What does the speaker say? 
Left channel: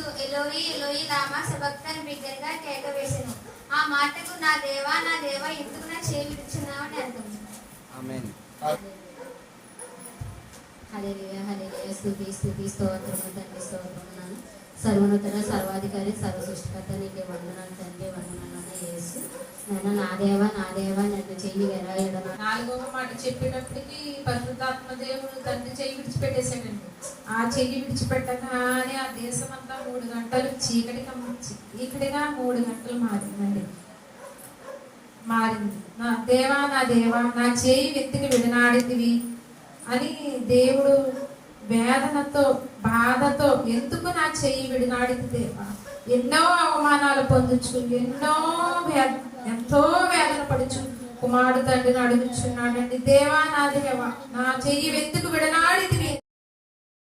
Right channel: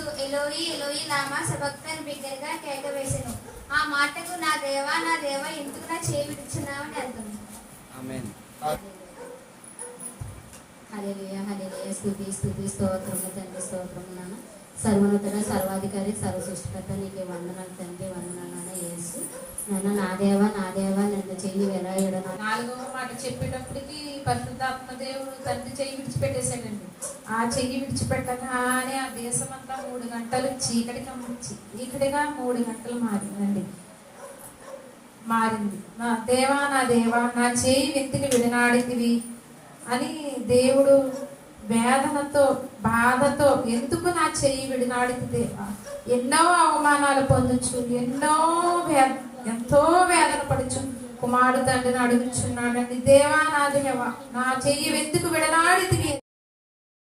యేసు ఎలోయి ఎలోయి లామా సబక్తని బిగ్గరగా కేక వేసెను. ఆ మాటకు నా దేవా ఎందుకు నా చేయి విడుచున్నావు అని అర్థం. ఆమేన్. హల్లెలూయా హల్లెలూయా. స్తుతి స్తుతి స్తోత్రము తండ్రి, స్తోత్రము నాన్న. సర్వోన్నతుడ సర్వాధికారి సర్వ సృష్టికర్త నీకే వందనాలు తండ్రి, వందనాలు యేసు. నా దేవా నన్ను చెయ్యి ఎలాగడ. నాలుగవ మాట చెప్పేటప్పటికి పరిశుద్ధాత్మ దేవుడు తండ్రి చెయ్యి విడిచిపెట్టేశాడండి. ఆ చెయ్యి విడిచిపెట్టగానే ఆ దేశం అంతా 3 గంటలు చీకటిగా 3 గంటలు మారింది. నా దేవా నా చేయి వెతికి విడనాడితివి అని దేవుడు వేదనతో బాధతో, ఎందుకు నా చెయ్యి విడనాడితి దేవా, ఎన్నో అవమానాలు పొందొచ్చు, ఎంతో వేదన పడుచు కుమారుడు తండ్రిని అడుగుచున్నాడండి. దేవా నా చెయ్యి వెతుకు విడనాడితివి.